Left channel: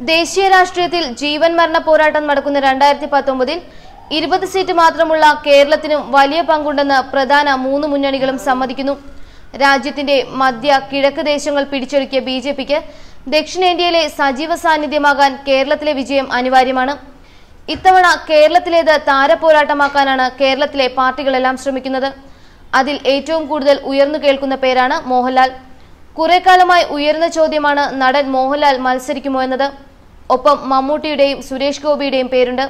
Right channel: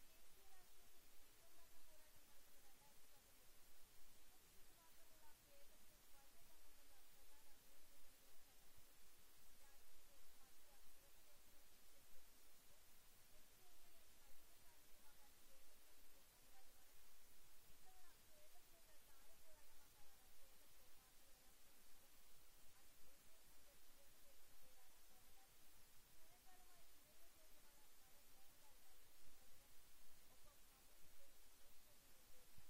ദേശീയ രാഷ്ട്രീയത്തിൽ ജീവൻ മരണ പോരാട്ടം നടക്കുന്ന 2019-ൽ 20 സീറ്റ് മാത്രമുള്ള കേരളത്തിനും വലിയ പങ്കുണ്ടെന്ന് പ്രധാന 3 മുന്നണികളും സമ്മതിക്കുന്നു. രാജ്യത്തിന്റെ മധ്യ കിഴക്ക് ദേശങ്ങൾ പിടിച്ചെടുക്കിയ ബിജെപിക്ക് ദക്ഷിണേന്ത്യയിലെ സജീവ സാന്നിധ്യമാകാൻ കേരളത്തിലെ വിജയം അനിവാര്യമാണ്. ഇത്തവണ കേരളത്തിലേത് താരപോരാട്ടമാക്കാനാണ് കേരളത്തിലെ പാർട്ടികളെല്ലാം ശ്രമിക്കുന്നത്. അതിൽ ഏറ്റവും കൂടുതൽ ഉയർന്നു കേൾക്കുന്ന പേരാണ് മോഹൻലാൽ. കുറേക്കാലമായി ഉയർന്ന ചോദ്യമാണ് നടൻ മോഹൻലാൽ മത്സരിക്കുമോ എന്നത്. ഒപ്പം മമ്മൂട്ടിയുടെയും സുരേഷ് ഗോപിയുടെയും പേരുണ്ട്.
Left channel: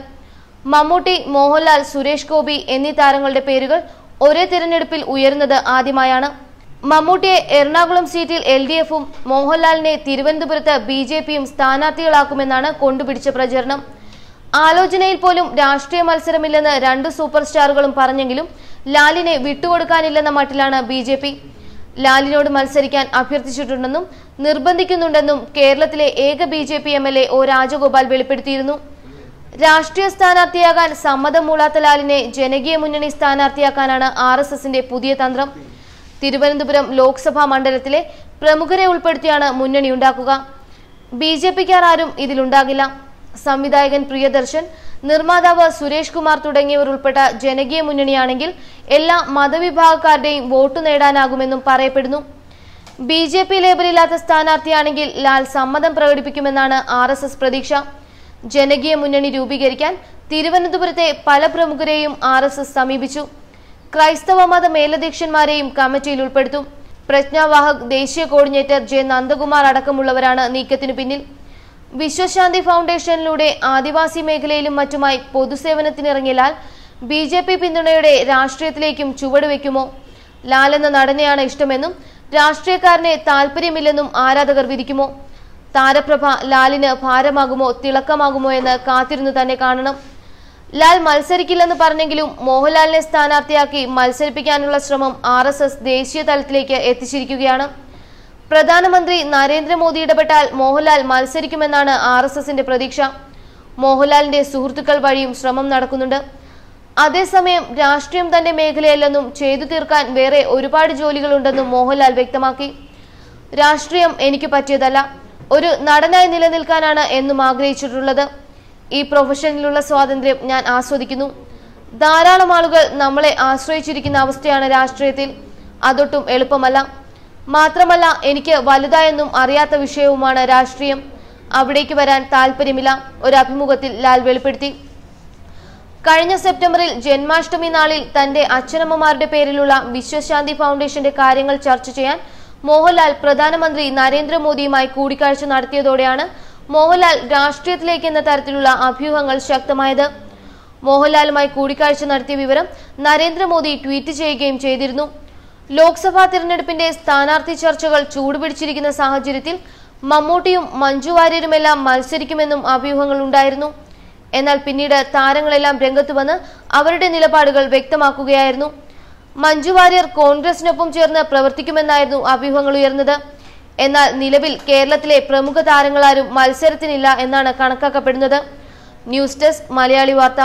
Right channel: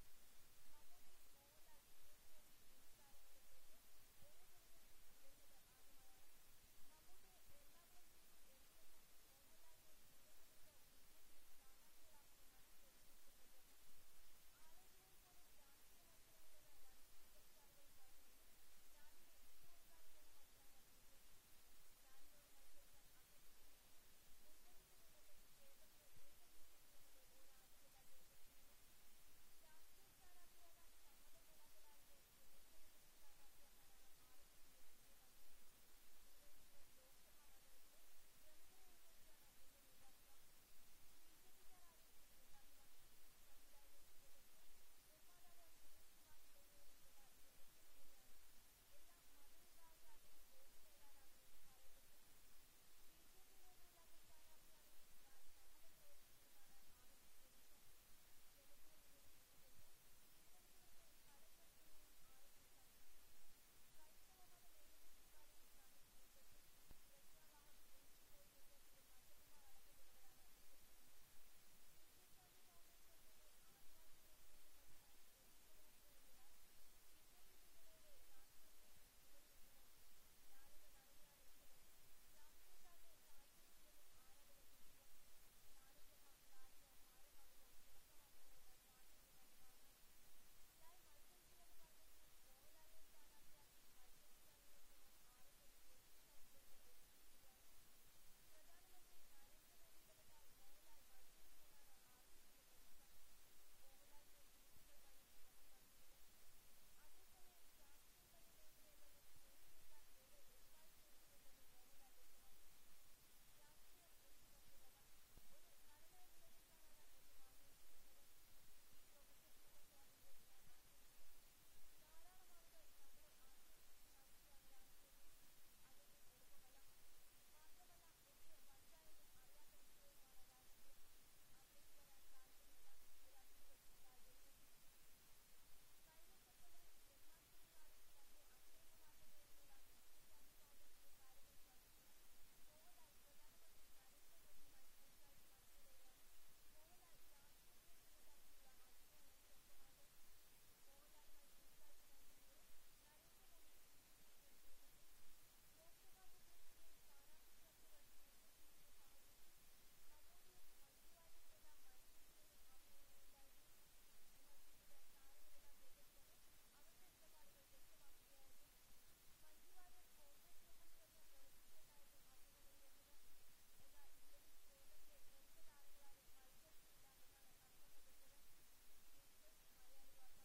മമ്മൂട്ടി, മോഹൻലാൽ, സുരേഷ് ഗോപി എന്നീ താരങ്ങളുടെ പേരുകൾ ഒരേ തിരഞ്ഞെടുപ്പിൽ ഉയരുന്നത് ആദ്യമായാണ്. മമ്മൂട്ടിയെ എറണാകുളം സീറ്റിൽ LDF-ഉം മോഹൻലാലിനെ തിരുവനന്തപുരത്ത് BJP-യും സ്ഥാനാർത്ഥികളാക്കുമെന്നാണ് കൊണ്ടുപിടിച്ച പ്രചരണം. ആലോചനയിൽ പോലും രാഷ്ട്രീയ മത്സരമില്ലെന്ന് 2 സൂപ്പർ സ്റ്റാറുകളും പറഞ്ഞെങ്കിലും ലാലിനെ വിട്ടുകൊടുക്കാനില്ലെന്ന മട്ടിലാണ് BJP. ലാലിനോട് മത്സരിക്കാൻ അഭ്യർത്ഥിച്ചിട്ടുണ്ടെന്നും നിർബന്ധിക്കുന്നുണ്ടെന്നും കേരളത്തിലെ ഏക BJP MLA O രാജഗോപാൽ വെളിപ്പെടുത്തിയിരുന്നു. രാഷ്ട്രീയ സ്ഥാനാർത്ഥിയാകാൻ സമ്മതം മൂളാത്ത ലാലിനെ ജനകീയ മുന്നണി സ്ഥാനാർത്ഥിയാക്കാനാണ് RSSന്റെ പുതിയ തന്ത്രം. തിരുവനന്തപുരം ലോക്സഭാ മണ്ഡലത്തിലെ പ്രമുഖരെ ഉൾപ്പെടുത്തിയാണ് മുന്നണി ഉണ്ടാക്കുക. BJPക്കാർ ആരും ഇതിലുണ്ടാകില്ല. സംവിധായകൻ പ്രിയദർശൻ, നിർമ്മാതാവ് സുരേഷ് കുമാർ തുടങ്ങിയവർ ഉൾപ്പെട്ട ജനകീയ മുന്നണിയാണെങ്കിൽ എല്ലാ മതവിഭാഗക്കാരുടെയും വോട്ട് നേടാനാകുമെന്നും പറയപ്പെടുന്നു. BJP ലേബലില്ലാത്ത സ്ഥാനാർത്ഥിയാണെങ്കിൽ ലാൽ സമ്മതം പ്രകടിപ്പിക്കുമെന്നാണ് RSS പ്രതീക്ഷ. ജനകീയ മുന്നണി രൂപീകരിക്കാൻ തിരുവനന്തപുരത്തെ പല പ്രമുഖരെയും RSS സമീപിച്ചു. ക്രൈസ്തവ മത മേലധ്യക്ഷന്മാരെയും കമ്മിറ്റിയിൽ ഉൾപ്പെടുത്തും. പ്രജ്ഞാവാഹക് ദേശീയ കോർഡിനേറ്റർ J നന്ദകുമാർ അടക്കമുള്ളവരാണ് നീക്കത്തിനു പിന്നിൽ. വിശ്വശാന്തി ഫൗണ്ടേഷനിലൂടെ ആദിവാസി മേഖലയിലും മറ്റുമായി പൊതുസേവനത്തിനിറങ്ങിയ ലാൽ BJP പിന്തുണയുടെ രാഷ്ട്രീയത്തിലേക്കും ചുവടുവെക്കുമോ? ലാൽ എന്ന നടനെയാണ് ഇഷ്ടമെന്നും രാഷ്ട്രീയക്കാരനെ താല്പര്യമില്ലെന്നും ആരാധകർ വിധിക്കുമോ? താരപ്രഭ ലാലിന് ഭാരമാകുമോ തിളക്കമാകുമോ എന്ന് കാത്തിരുന്നു തന്നെ കാണണം. ലാൽ മത്സരിക്കില്ലെന്ന് പറഞ്ഞെങ്കിലും മോഹൻലാലിനെ സ്ഥാനാർത്ഥിയാക്കി മത്സരിപ്പിക്കാനുള്ള ശ്രമം RSS ദേശീയ തലത്തിലേക്ക് എത്തിച്ചിരിക്കുകയാണ്. പ്രധാനമന്ത്രി നരേന്ദ്രമോദി ഇടപെട്ടാൽ മോഹൻലാൽ മത്സരിക്കുമെന്നാണ് RSSന്റെ പ്രതീക്ഷ. മോഹൻലാലിന്റെ സുഹൃത്തുക്കൾ വഴിയും ശ്രമം നടക്കുന്നുണ്ട്. അതേസമയം രാഷ്ട്രീയം തന്റെ മേഖലയല്ലെന്നും ചെയ്തു തീർക്കാൻ വേറെ ഒരുപാട് ജോലികളുണ്ടെന്നും മോഹൻലാൽ വ്യക്തമാക്കി. രാഷ്ട്രീയം എനിക്ക് പറ്റിയതല്ല, ഒരു നടനായി നിലനിൽക്കാനാണ് എന്നും ആഗ്രഹിച്ചിട്ടുള്ളത്. ഈ പ്രൊഫഷനിലുള്ള സ്വാതന്ത്ര്യം ഞാൻ ആസ്വദിക്കുന്നു. ധാരാളം ആളുകൾ നമ്മളെ ആശ്രയിച്ചിരിക്കുന്ന അവസ്ഥയാണ് രാഷ്ട്രീയത്തിൽ. അതൊട്ടും എളുപ്പമല്ല. മാത്രമല്ല, എനിക്ക് വലുതായെന്നും അറിയാത്ത വിഷയവുമാണ് രാഷ്ട്രീയം. അവിടേക്ക് വരാൻ താല്പര്യമില്ല, ഒരു അഭിമുഖത്തിൽ ലാൽ വെളിപ്പെടുത്തി. കഴിഞ്ഞ സെപ്റ്റംബറിൽ ജന്മാഷ്ടമി നാളിൽ തന്റെ അച്ഛനമ്മമാരുടെ പേരിലുള്ള വിശ്വശാന്തി ഫൗണ്ടേഷന്റെ കാര്യങ്ങൾ ചർച്ച ചെയ്യാൻ മോഹൻലാൽ പ്രധാനമന്ത്രി നരേന്ദ്രമോദിയുമായി കൂടിക്കാഴ്ച നടത്തിയതോടെയാണ് മോഹൻലാൽ രാഷ്ട്രീയത്തിലേക്ക് എന്ന തരത്തിലുള്ള അഭ്യൂഹങ്ങൾ ശക്തമായത്. മോഹൻലാലുമായി കൂടിക്കാഴ്ച നടത്തിയ വിവരം നരേന്ദ്രമോദി ട്വീറ്റ് ചെയ്യുകയും ചെയ്തിരുന്നു. ലോക്സഭാ തിരഞ്ഞെടുപ്പിന്റെ സ്ഥാനാർത്ഥി ചർച്ചകൾ ചൂടുപിടിച്ചിരിക്കുന്ന സാഹചര്യത്തിൽ മമ്മൂട്ടിയും മഞ്ജു വാര്യരുമെല്ലാം മത്സരിക്കുമെന്നും അഭ്യൂഹങ്ങൾ ഉണ്ടായിരുന്നു. എന്നാൽ പിന്നീട് താരങ്ങളെല്ലാം രംഗത്ത് വന്ന് അവരുടെ നിലപാടുകൾ വ്യക്തമാക്കുകയായിരുന്നു. മഞ്ജു വാര്യർ കോൺഗ്രസിനൊപ്പം ചേർന്ന് പ്രവർത്തിക്കുമെന്നായിരുന്നു അഭ്യൂഹങ്ങൾ ഉയർന്നത്. എന്നാൽ നിലവിൽ കേരളത്തിലെ പ്രമുഖ താരങ്ങളാരും മത്സരത്തിനില്ല എന്നാണ് കണക്കാക്കപ്പെടുന്നത്. ന്യൂസ് ഡെസ്ക് മലയാളി വാർത്ത.